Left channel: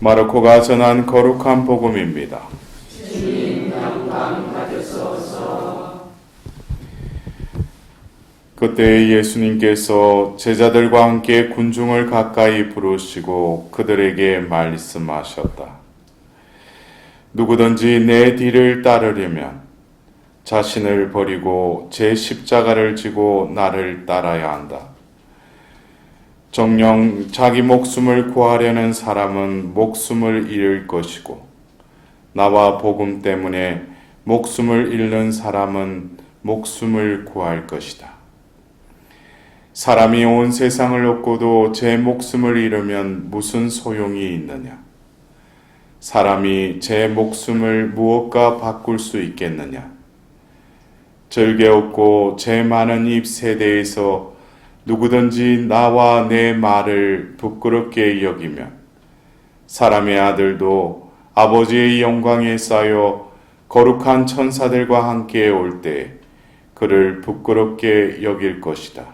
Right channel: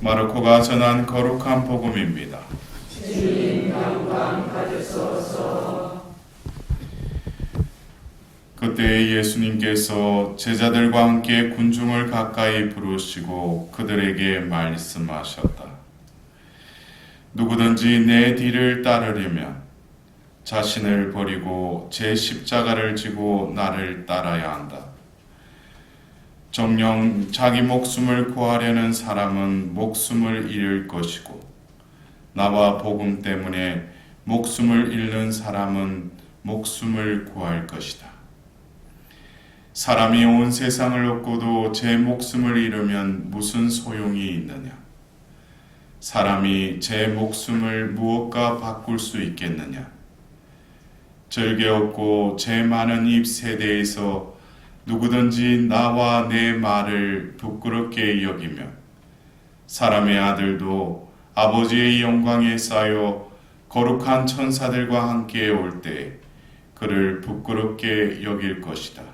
마르코가 전한 거룩한 복음입니다. 주님 영광 받으소서. 그때 예수님께서 제자들과 함께 군중을 가까이 부르시고 그들에게 말씀하셨다. 누구든지 내 뒤를 따르려면 자신을 버리고 제 십자가를 지고 나를 따라야 한다. 정녕 자기 목숨을 구하려는 사람은 목숨을 잃을 것이고 나와 복음 때문에 목숨을 잃는 사람은 목숨을 구할 것이다. 사람이 온 세상을 얻고도 제 목숨을 잃으면 무슨 소용이 있느냐? 사람이 제 목숨을 무엇과 바꿀 수 있겠느냐? 즐게 없고 제 많은 입 세대에서 누구든지 나와 내 말을 부끄럽게 여기면 사람의 아들도 아버지의 영광에 쌓여 거룩한 천사들과 함께 올 때 그를 부끄럽게 여길 것이다.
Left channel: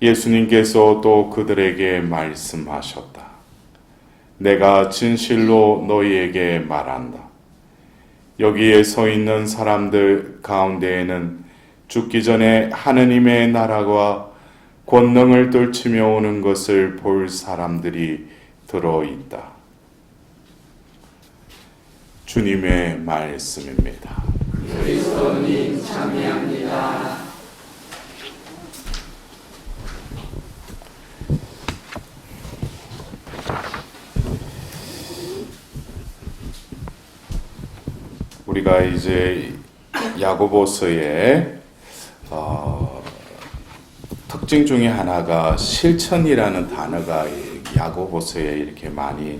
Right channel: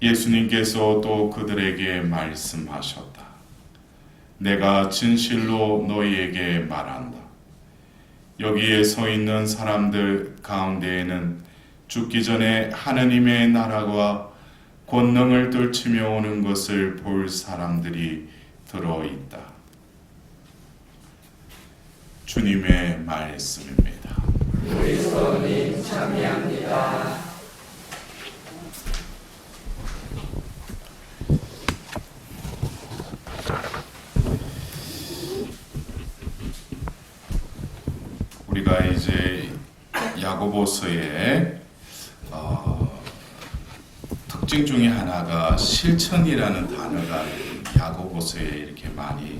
예수님께서 또 그들에게 말씀하셨다. 내가 진실로 너희에게 말한다. 여기에 서 있는 사람들 가운데에는 죽기 전에 하느님의 나라가 권능을 떨치며 오는 것을 볼 사람들이 들어있다. 주님의 말씀입니다. 그리스도님 참여합니다. 우리가 이제 야고보서의 특징 중에 하나가 실천이라는 단어가 야고보서에 이렇게 많이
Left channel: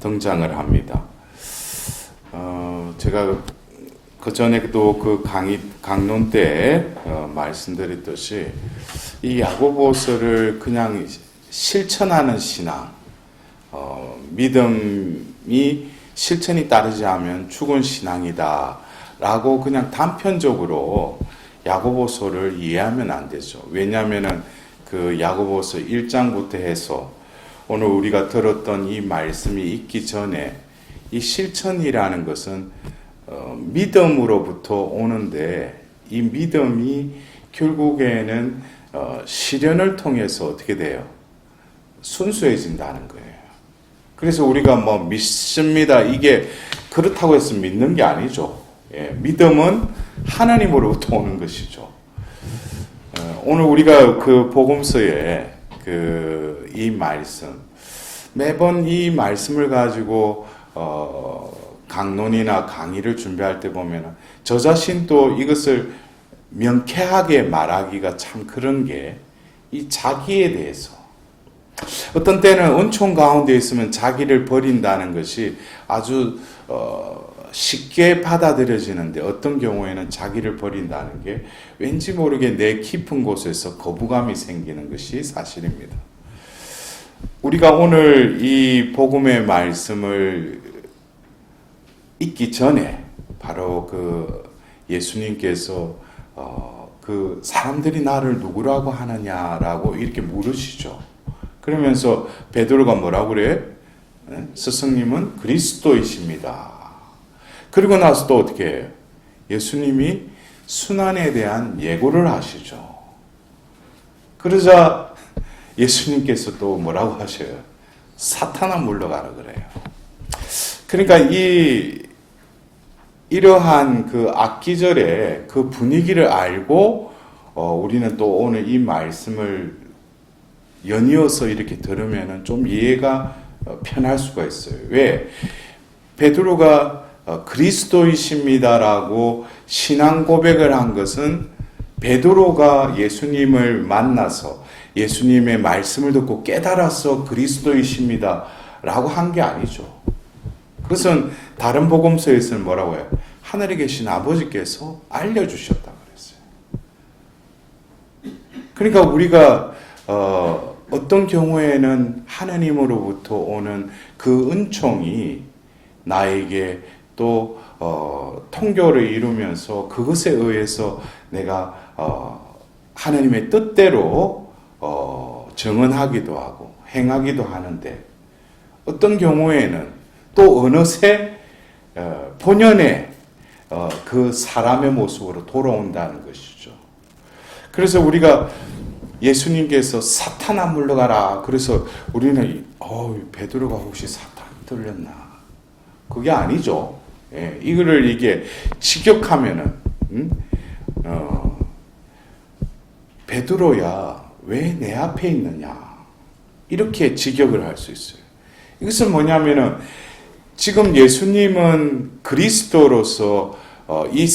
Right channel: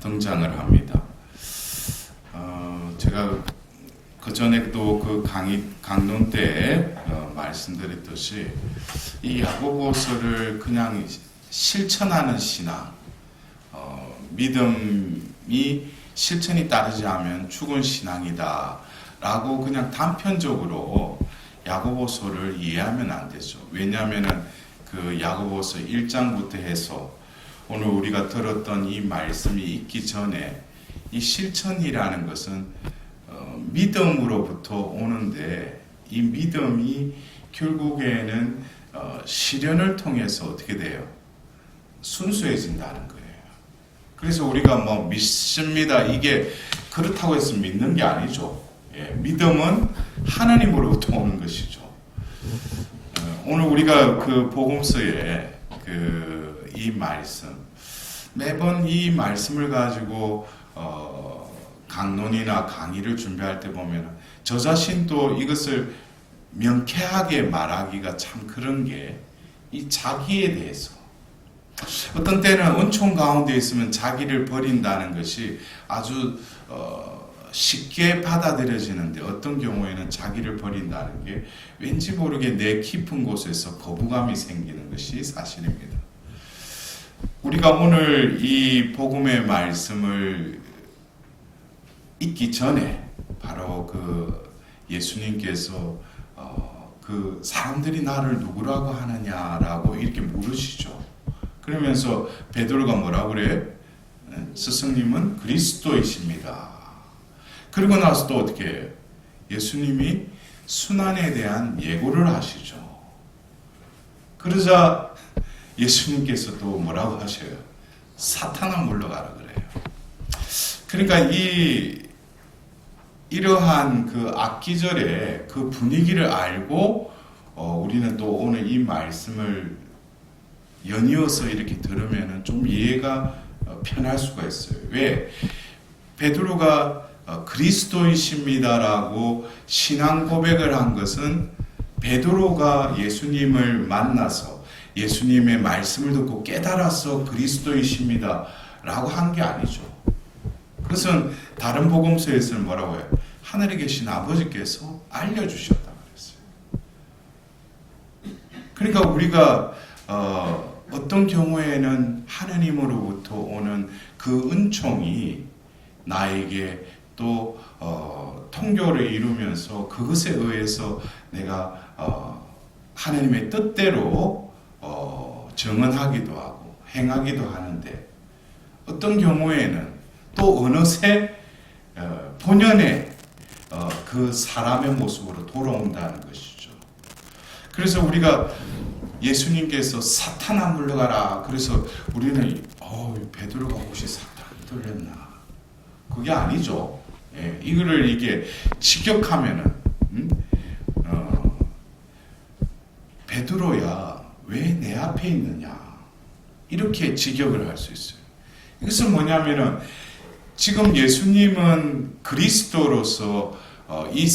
등장을 합니다. 제가 그 전에도 그 강론 때 말씀드렸듯이 이 야고보서를 그냥 실천하는 신앙, 믿음이 실천이 따르지 않으면 죽은 신앙이다 라고 그냥 단편적으로 야고보서를 이해하면 안 되죠. 왜냐하면은 그 야고보서 1장부터 해서 오늘 우리가 들었던 이 말씀이 있기 전에 이 실천이라는 것은 믿음으로부터 오는데 이 믿음이 결국에는 실현을 통해서 어떻게 돼요? 순수해진다는 거예요. 그래서 우리가 뭐 믿습니다. 이게 그렇다고 해서 믿는 게 아니죠. 예, 믿음은 하나님으로부터 오는 것이죠. 오늘 우리가 그 복음서에 이 말씀, 매번 이 말씀을 가지고 강론이나 강의를 준비할 때 보면 저 자신도 이것을 명쾌하게 말하기가 참 그런 게 이 자기에 대해서 어떤 때는 은총 가운데 있으면 자기를 버린다는 것이 아주 쉽게 받아들여지는데 어떤 경우에는 자기를 버린다는 게 왠지 모르게 내 깊은 곳에서 거부감이 생기는 것이 사실입니다. 우리가 오늘 이 복음의 말씀을 읽기 전에 바로 그 예수님께서 그 사람들이 나를 누구라고 하느냐라고 이렇게 물으시죠. 그러면서 베드로가 뭐라고 그래? 스승님은 그리스도이십니다. 그리고 나서 또 어떻게 해요? 예수님이 순환에 대한 예고를 하시죠. 그러자 예수님께서 또 뭐라고 하셔요? 사탄아 물러가라 그래요. 그러니까 이러한 그 악기절의 그 분위기를 알고 우리는 또 오늘 이 말씀을 연이어서 이렇게 들으면 좀 이해가 편할 수가 있어요. 왜? 베드로가 그리스도이십니다라고 신앙 고백을 한 것은 베드로가 예수님을 만나서 예수님의 말씀을 듣고 깨달아서 그리스도이십니다라고 한 게 아니죠. 그것은 다른 복음서에서는 뭐라고 해요? 하늘에 계신 아버지께서 알려주셨다 그랬어요. 그러니까 우리가 어떤 경우에는 하나님으로부터 오는 그 은총이 나에게 또 통교를 이루면서 그것에 의해서 내가 하나님의 뜻대로 증언하기도 하고 행하기도 하는데 어떤 경우에는 또 어느새 본연의 그 사람의 모습으로 돌아온다는 것이죠. 그래서 우리가 예수님께서 사탄아 물러가라. 그래서 우리는 베드로가 혹시 사탄 들렸나? 그게 아니죠. 예, 이거를 이게 직역하면은 베드로야 왜 내 앞에 있느냐? 이렇게 직역을 할 수 있어요. 이것은 뭐냐면은 지금 예수님은 그리스도로서 이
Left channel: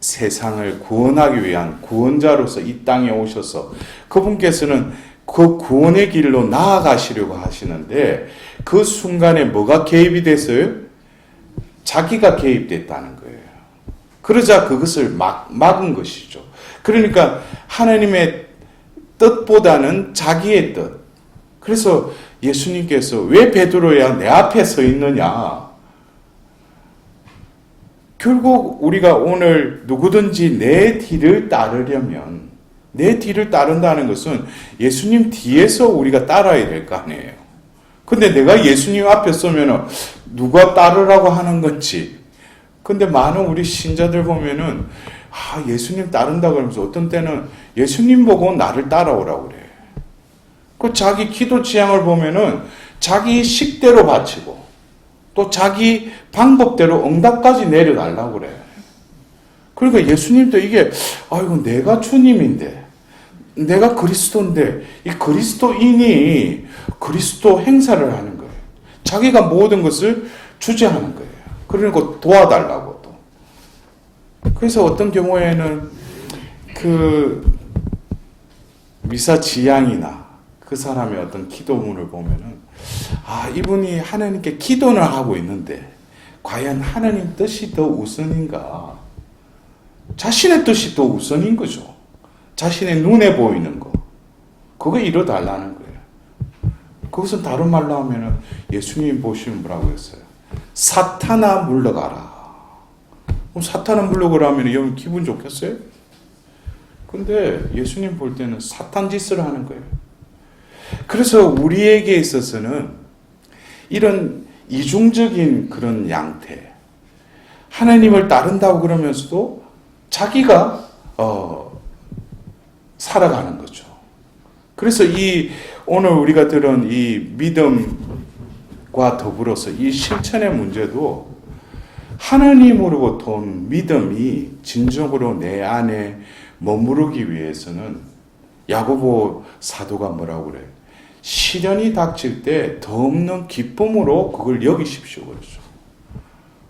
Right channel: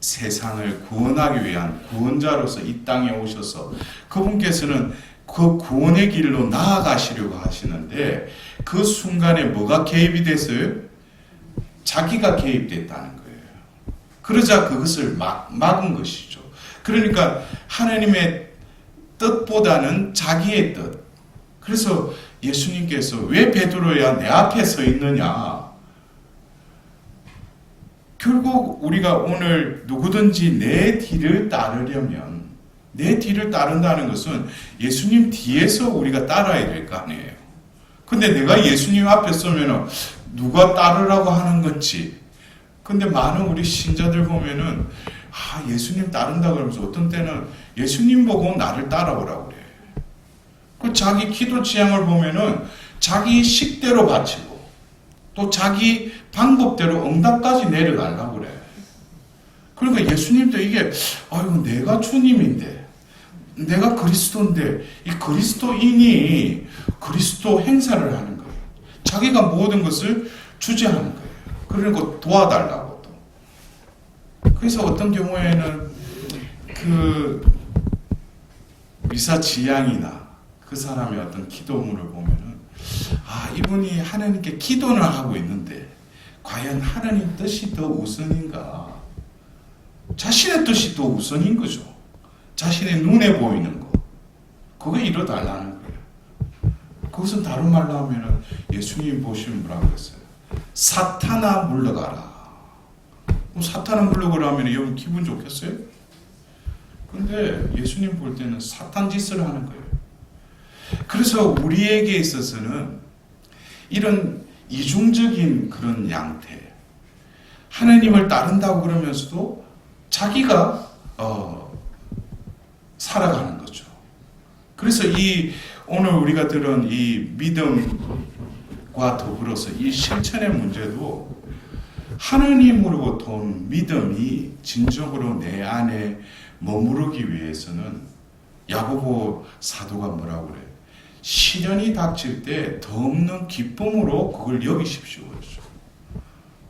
세상을 구원하기 위한 구원자로서 이 땅에 오셔서 그분께서는 그 구원의 길로 나아가시려고 하시는데 그 순간에 뭐가 개입이 됐어요? 자기가 개입됐다는 거예요. 그러자 그것을 막은 것이죠. 그러니까 하나님의 뜻보다는 자기의 뜻. 그래서 예수님께서 왜 베드로야 내 앞에 서 있느냐? 결국 우리가 오늘 누구든지 내 뒤를 따르려면 내 뒤를 따른다는 것은 예수님 뒤에서 우리가 따라야 될 거 아니에요. 근데 내가 예수님 앞에 서면은 누가 따르라고 하는 건지. 근데 많은 우리 신자들 보면은 예수님 따른다 그러면서 어떤 때는 예수님 보고 나를 따라오라고 그래. 그 자기 기도 취향을 보면은 자기 식대로 바치고 또 자기 방법대로 응답까지 내려달라고 그래. 그러니까 예수님도 이게 내가 주님인데 내가 그리스도인데 이 그리스도인이 그리스도 행사를 하는 거예요. 자기가 모든 것을 주재하는 거예요. 그러니까 도와달라고 또. 그래서 어떤 경우에는 그 미사 지향이나 그 사람의 어떤 기도문을 보면은 이분이 하나님께 기도는 하고 있는데 과연 하나님 뜻이 더 우선인가? 자신의 뜻이 더 우선인 거죠. 자신의 눈에 보이는 거. 그거 이뤄달라는 거예요. 그것은 다른 말로 하면은 예수님 보시면 뭐라고 했어요? 사탄아 물러가라. 사탄아 물러가라 하면 여러분 기분 좋겠어요? 근데 예수님 볼 때는 사탄 짓을 하는 거예요. 그래서 우리에게 있어서는 이런 이중적인 그런 양태, 하나님을 따른다고 그러면서도 자기가 살아가는 거죠. 그래서 오늘 우리가 들은 이 믿음과 더불어서 이 실천의 문제도 하나님으로부터 온 믿음이 진정으로 내 안에 머무르기 위해서는 야고보 사도가 뭐라고 그래요? 시련이 닥칠 때 더 없는 기쁨으로 그걸 여기십시오. 그러죠.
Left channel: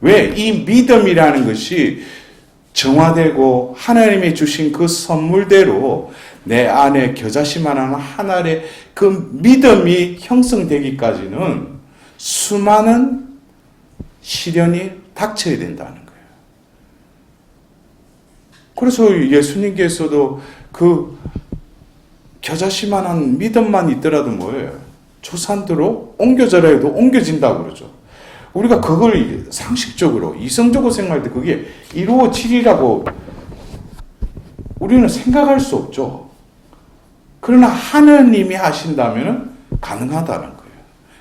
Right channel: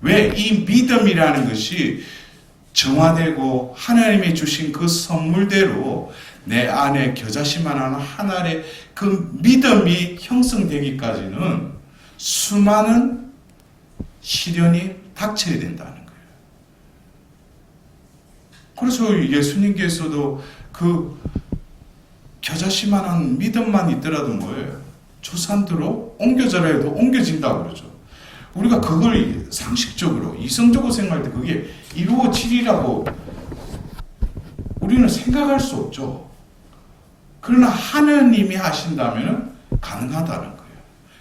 왜? 이 믿음이라는 것이 정화되고 하나님이 주신 그 선물대로 내 안에 겨자씨만한 하나의 그 믿음이 형성되기까지는 수많은 시련이 닥쳐야 된다는 거예요. 그래서 예수님께서도 그 겨자씨만한 믿음만 있더라도 뭐예요? 초산대로 옮겨져라 해도 옮겨진다고 그러죠. 우리가 그걸 상식적으로 이성적으로 생각할 때 그게 이루어지리라고 우리는 생각할 수 없죠. 그러나 하나님이 하신다면 가능하다는 거예요.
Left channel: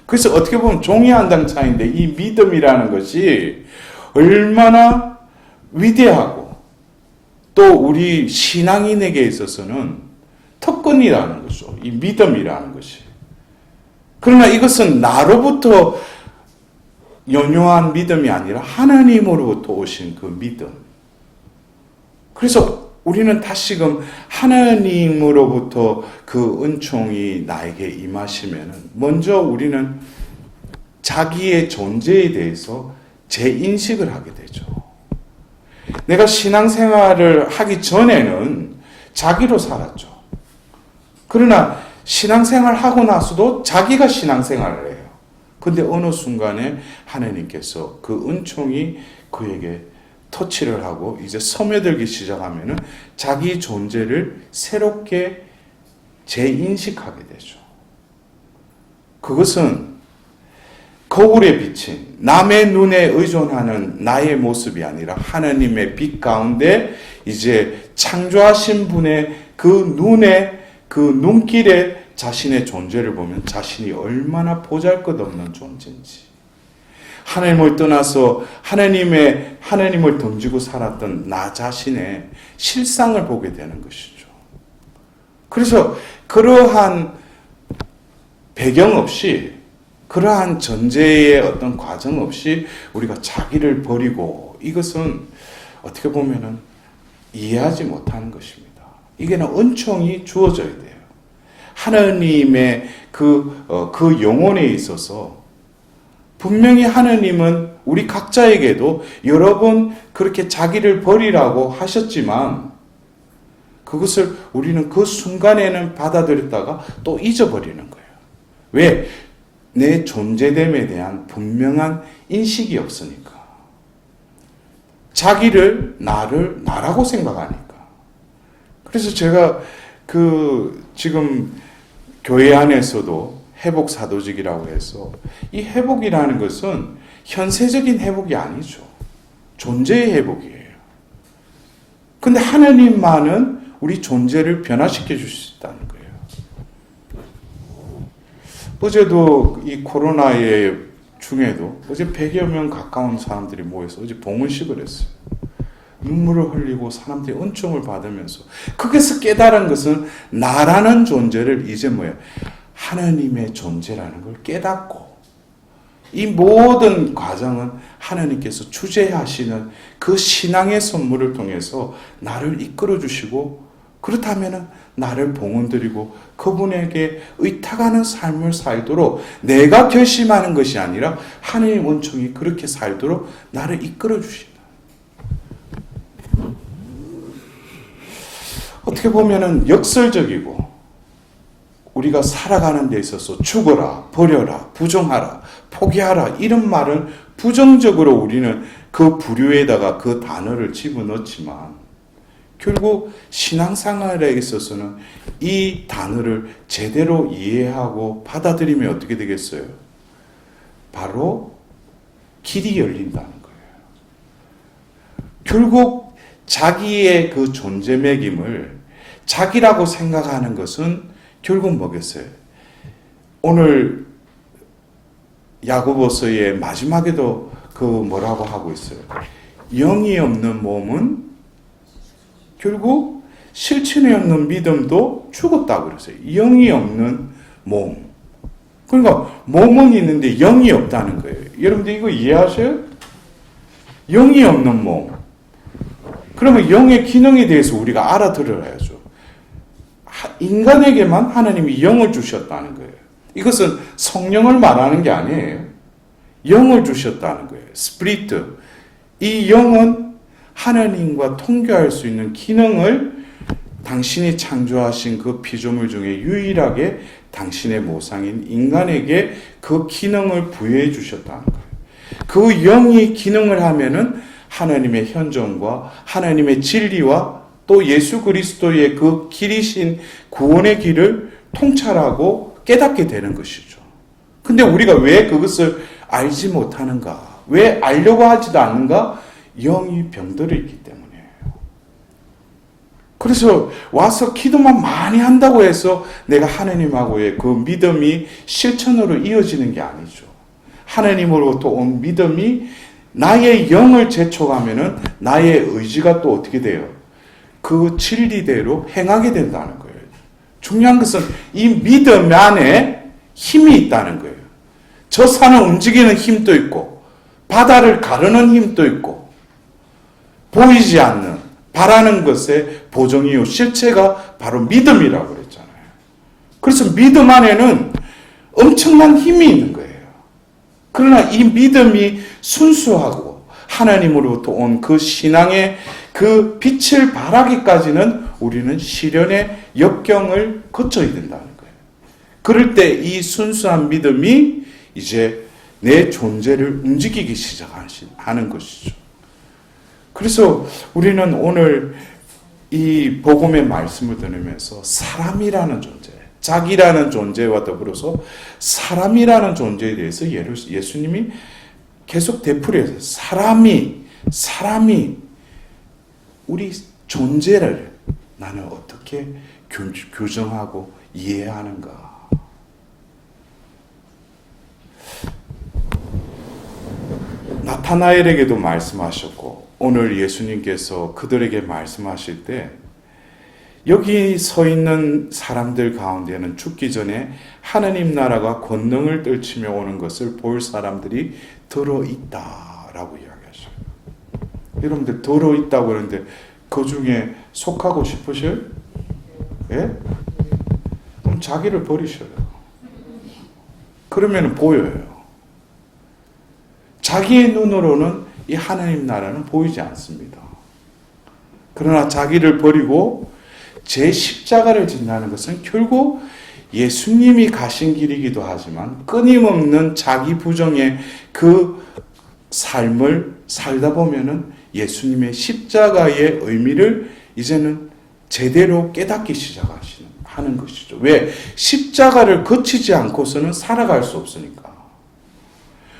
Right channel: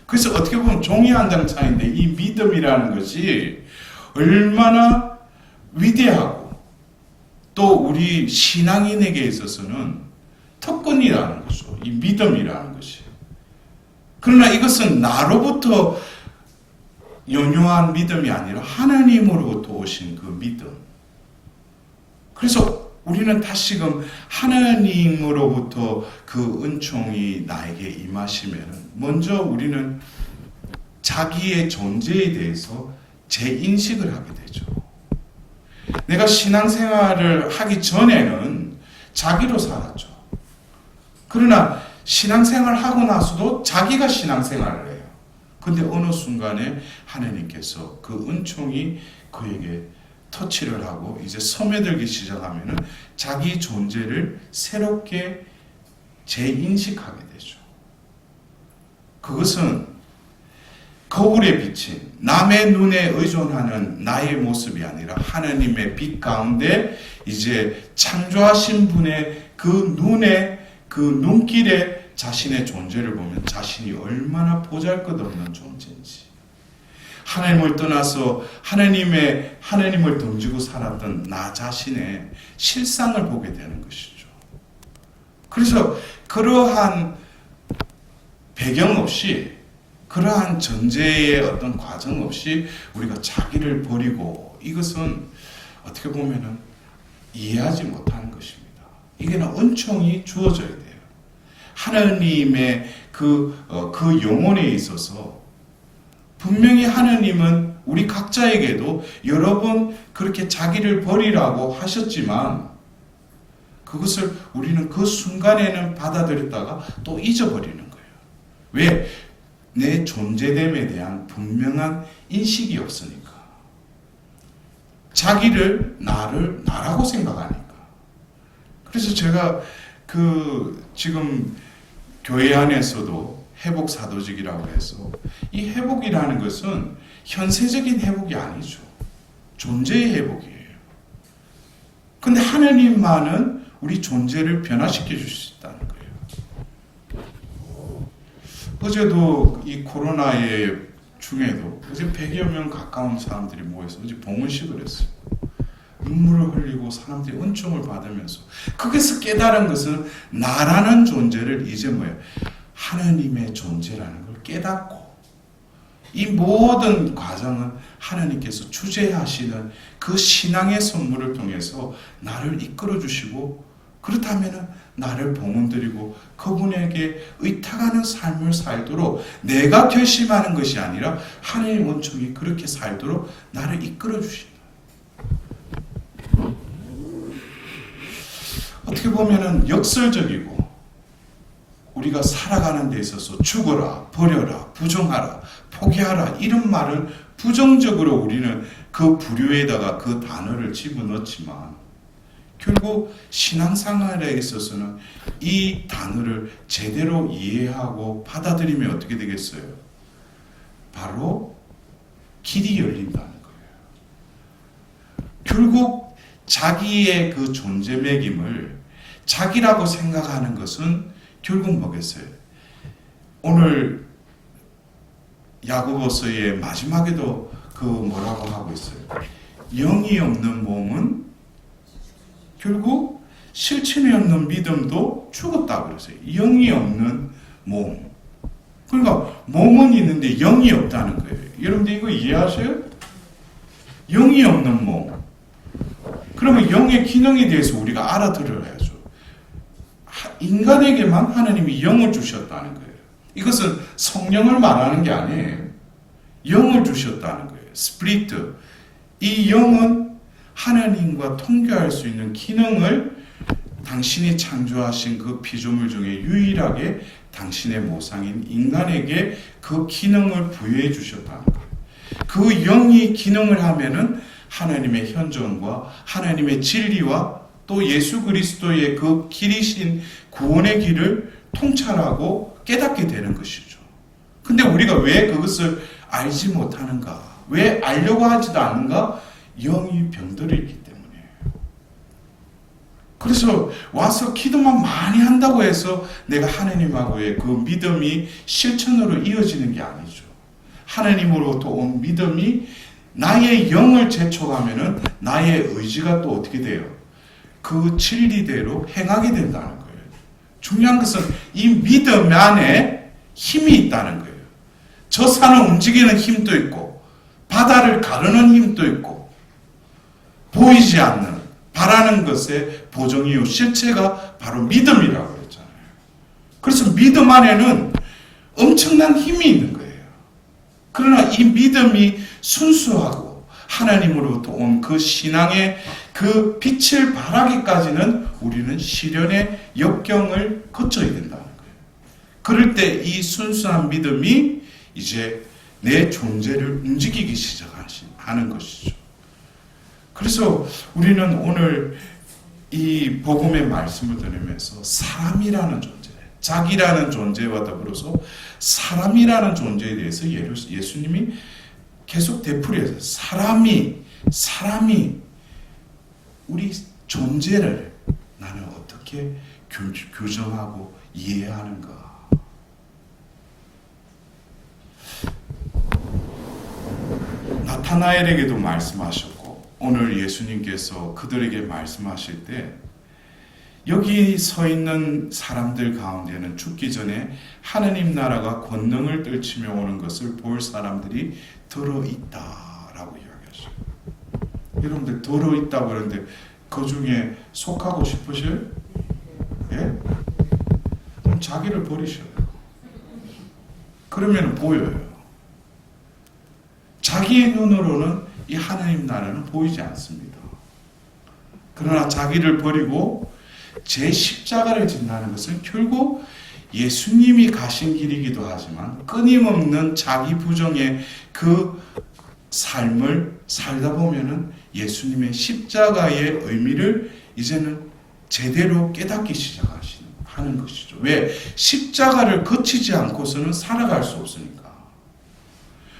그래서 어떻게 보면 종이 한 장 차이인데 이 믿음이라는 것이 얼마나 위대하고 또 우리 신앙인에게 있어서는 특권이라는 거죠. 이 믿음이라는 것이. 그러나 이것은 나로부터 연용한 믿음이 아니라 하나님으로부터 오신 그 믿음. 그래서 우리는 다시금 하나님으로부터 그 은총이 나에게 임하시면 먼저 우리는 자기의 존재에 대해서 재인식을 하게 되죠. 내가 신앙생활을 하기 전에는 자기로 살았죠. 그러나 신앙생활을 하고 나서도 자기가 신앙생활을 해요. 근데 어느 순간에 하나님께서 그 은총이 그에게 터치를 하고 이제 스며들기 시작하면은 자기 존재를 새롭게 재인식하게 되죠. 그것은 거울에 비친 남의 눈에 의존하는 나의 모습이 아니라 하나님의 빛 가운데 이제 창조하신 분의 그 눈에 그 눈길에 자신의 존재를 보면 자신이 얼마나 보잘것없는 존재인지, 하나님을 떠나서 하나님을 던지고 살았던 나 자신의 실상을 보게 되는 것이죠. 그래서 그러한 배경 없이, 그러한 전제의 어떤 과정 없이 우리가 자기를 버리고, 이것은 어떻게 보면은 이해하지 못하는 것입니다. 이게는 은총이 주어져야 돼요. 하나님의 그 영혼에 있어서 분명히 하나님은 우리 각자에게도 여러 번 그렇게 자기를 버리라고 하셨지만, 그것을 우리는 그 순간에는 받아들였다가 또 잊어버리는 거예요. 왜? 내 존재됨에 대한 분명한 인식이 없으니까. 자기를, 나라고 생각하니까. 그래서 제가 지금 교회 안에서도 회복 사도직이라고 해서, 이 회복이라는 것은 현세적인 회복이 아니죠. 존재의 회복이에요. 근데 하나님만은 우리 존재를 변화시켜 주실 수 있다는 거예요. 어제도 이 코로나의 중에도 어제 100여 명 가까운 사람들이 모여서 어제 봉헌식을 했어요. 눈물을 흘리고 사람들이 은총을 받으면서, 거기서 깨달은 것은 나라는 존재를 이제 하나님의 존재라는 걸 깨닫고, 이 모든 과정은 하나님께서 주재하시는 그 신앙의 선물을 통해서 나를 이끌어 주시고, 그렇다면 나를 봉헌드리고 그분에게 의탁하는 삶을 살도록, 내가 결심하는 것이 아니라 하나님의 원총이 그렇게 살도록 나를 이끌어 주시는, 어떻게 보면은 역설적이고, 우리가 살아가는 데 있어서 죽어라, 버려라, 부정하라, 포기하라, 이런 말을 부정적으로 우리는 그 부류에다가 그 단어를 집어넣지만, 결국 신앙생활에 있어서는 이 단어를 제대로 이해하고 받아들이면 어떻게 되겠어요? 바로 길이 열린다는 거예요. 결국 자기의 그 존재 매김을 자기라고 생각하는 것은 결국 뭐겠어요? 오늘 야고보서의 마지막에도 뭐라고 하고 있어요? 영이 없는 몸은 결국 실천이 없는 믿음도 죽었다고 그랬어요. 영이 없는 몸. 그러니까 몸은 있는데 영이 없다는 거예요. 여러분들 이거 이해하셔요? 영이 없는 몸. 그러면 영의 기능에 대해서 우리가 알아들어야죠. 인간에게만 하나님이 영을 주셨다는 거예요. 이것은 성령을 말하는 게 아니에요. 영을 주셨다는 거예요. 스피리트. 이 영은 하나님과 통교할 수 있는 기능을 당신이 창조하신 그 피조물 중에 유일하게 당신의 모상인 인간에게 그 기능을 부여해 주셨다는 거예요. 그 영이 기능을 하면은 하나님의 현존과 하나님의 진리와 또 예수 그리스도의 그 길이신 구원의 길을 통찰하고 깨닫게 되는 것이죠. 근데 우리가 왜 그것을 알지 못하는가? 왜 알려고 하지도 않는가? 영이 병들어 있기 때문이에요. 그래서 와서 기도만 많이 한다고 해서 내가 하나님하고의 그 믿음이 실천으로 이어지는 게 아니죠. 하나님으로부터 온 믿음이 나의 영을 재촉하면은 나의 의지가 또 어떻게 돼요? 그 진리대로 행하게 된다는 거예요. 중요한 것은 이 믿음 안에 힘이 있다는 거예요. 저 산을 움직이는 힘도 있고, 바다를 가르는 힘도 있고, 보이지 않는, 바라는 것의 보정이요, 실체가 바로 믿음이라고 그랬잖아요. 그래서 믿음 안에는 엄청난 힘이 있는 거예요. 그러나 이 믿음이 순수하고 하나님으로부터 온 그 신앙의 그 빛을 발하기까지는 우리는 시련의 역경을 거쳐야 된다는 거예요. 그럴 때 이 순수한 믿음이 이제 내 존재를 움직이기 시작하는 것이죠. 그래서 우리는 오늘 이 복음의 말씀을 들으면서 사람이라는 존재, 자기라는 존재와 더불어서 사람이라는 존재에 대해서 예수님이 계속 되풀이해서 사람이 우리 존재를 나는 어떻게 규정하고 이해하는가? 나타나엘에게도 말씀하셨고 오늘 예수님께서 그들에게 말씀하실 때 여기 서 있는 사람들 가운데는 죽기 전에 하느님 나라가 권능을 떨치며 오는 것을 볼 사람들이 들어있다라고 이야기하셔요. 여러분들 들어있다고 그러는데 그 중에 속하고 싶으셔요? 예? 그럼 자기를 버리셔요. 그러면 보여요. 자기의 눈으로는 이 하나님 나라는 보이지 않습니다. 그러나 자기를 버리고 제 십자가를 진다는 것은 결국 예수님이 가신 길이기도 하지만 끊임없는 자기 부정의 그 삶을 살다 보면은 예수님의 십자가의 의미를 이제는 제대로 깨닫기 시작하는 것이죠. 왜? 십자가를 거치지 않고서는 살아갈 수 없으니까.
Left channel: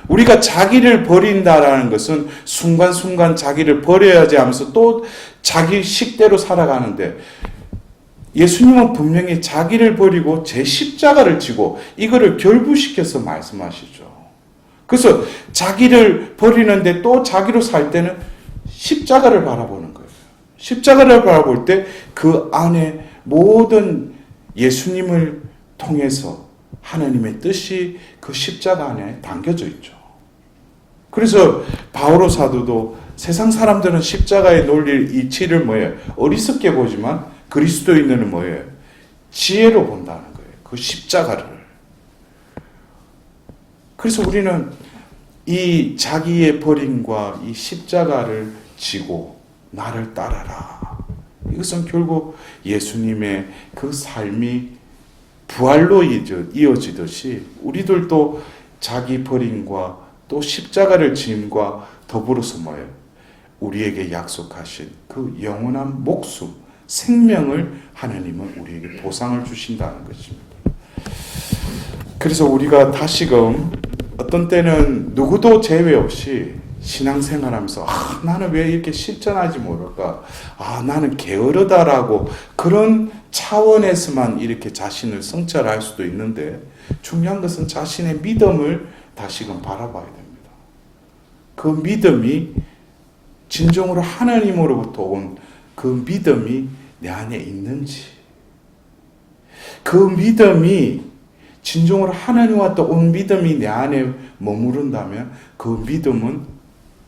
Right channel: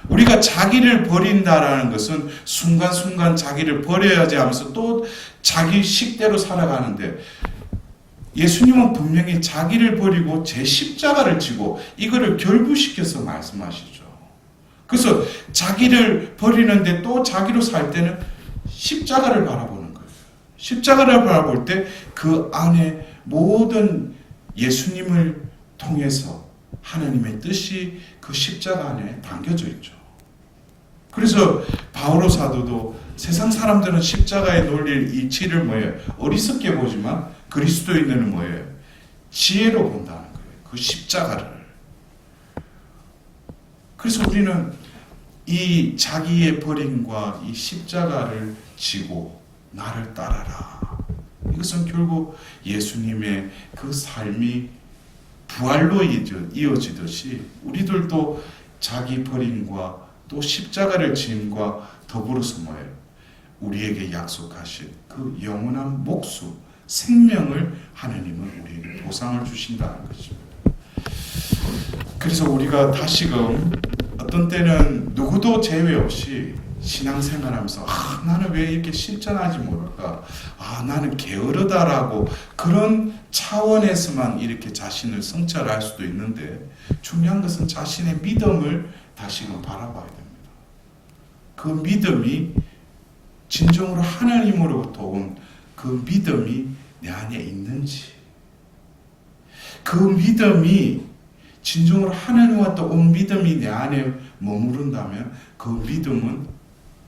우리가 자기를 버린다라는 것은 순간순간 자기를 버려야지 하면서 또 자기 식대로 살아가는데 예수님은 분명히 자기를 버리고 제 십자가를 지고 이거를 결부시켜서 말씀하시죠. 그래서 자기를 버리는데 또 자기로 살 때는 십자가를 바라보는 거예요. 십자가를 바라볼 때 그 안에 모든 예수님을 통해서 하나님의 뜻이 그 십자가 안에 담겨져 있죠. 그래서 바오로 사도도 세상 사람들은 십자가의 논리를 이치를 뭐예요? 어리석게 보지만 그리스도인들은 뭐예요? 지혜로 본다는 거예요. 그 십자가를. 그래서 우리는 이 자기의 버림과 이 십자가를 지고 나를 따라라. 이것은 결국 예수님의 그 삶이 부활로 이어지듯이 우리들도 자기 버림과 또 십자가를 짐과 더불어서 뭐예요? 우리에게 약속하신 그 영원한 목숨, 생명을 하나님은 우리에게 보상을 주신다는 것입니다. 그래서 우리가 다시금 어떤 때는 누구도 제외 없이 신앙생활하면서 나는 왜 이렇게 실천하지 못할까? 나는 게으르다라고 그런 차원에서만 이렇게 자신을 성찰할 수도 있는데 중요한 것은 자신의 믿음을 다시금 바라봐야 됩니다. 그 믿음이 진정으로 하나님으로부터 온 그 믿음이 내 안에 있는지, 그 믿음이 진정으로 하나님과 온 믿음이 내 안에 머무른다면 그 믿음은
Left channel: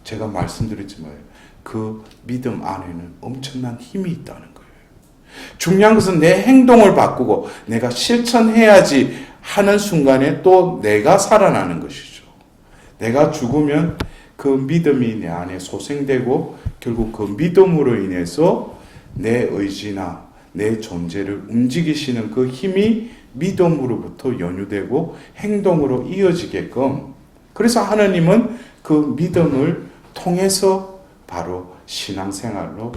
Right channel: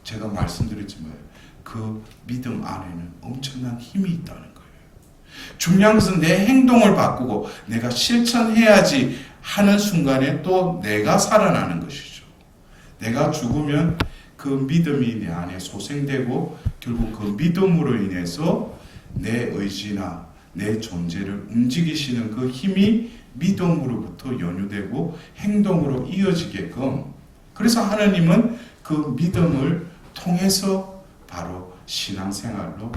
제가 말씀드렸지만 그 믿음 안에는 엄청난 힘이 있다는 거예요. 중요한 것은 내 행동을 바꾸고 내가 실천해야지 하는 순간에 또 내가 살아나는 것이죠. 내가 죽으면 그 믿음이 내 안에 소생되고 결국 그 믿음으로 인해서 내 의지나 내 존재를 움직이시는 그 힘이 믿음으로부터 연유되고 행동으로 이어지게끔 그래서 하나님은 그 믿음을 통해서 바로 신앙생활로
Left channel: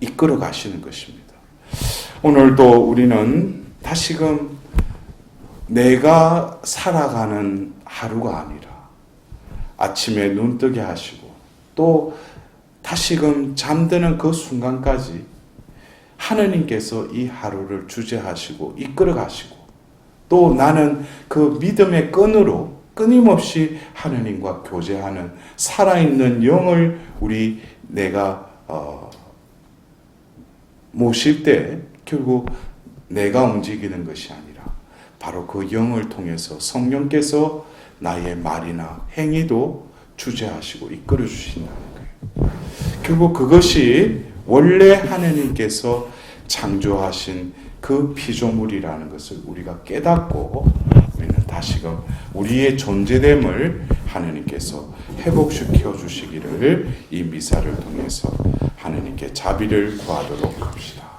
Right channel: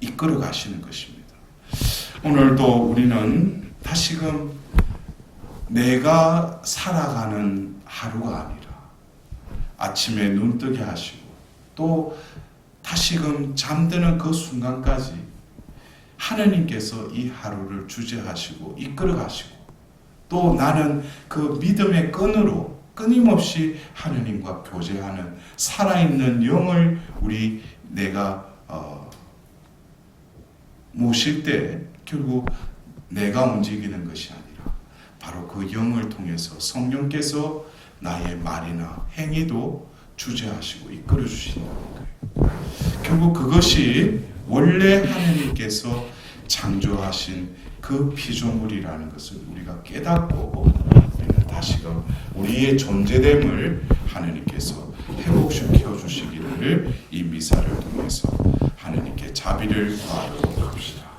이끌어 가시는 것입니다. 오늘도 우리는 다시금 내가 살아가는 하루가 아니라 아침에 눈 뜨게 하시고 또 다시금 잠드는 그 순간까지 하느님께서 이 하루를 주재하시고 이끌어 가시고 또 나는 그 믿음의 끈으로 끊임없이 하느님과 교제하는 살아있는 영을 내가 모실 때 결국 내가 움직이는 것이 아니라 바로 그 영을 통해서 성령께서 나의 말이나 행위도 주재하시고 이끌어 주신다는 거예요. 결국 그것이 원래 하느님께서 창조하신 그 피조물이라는 것을 우리가 깨닫고 우리는 다시금 우리의 존재됨을 하느님께서 회복시켜 주시기를 이 미사를 통해서 하느님께 자비를 구하도록 합시다.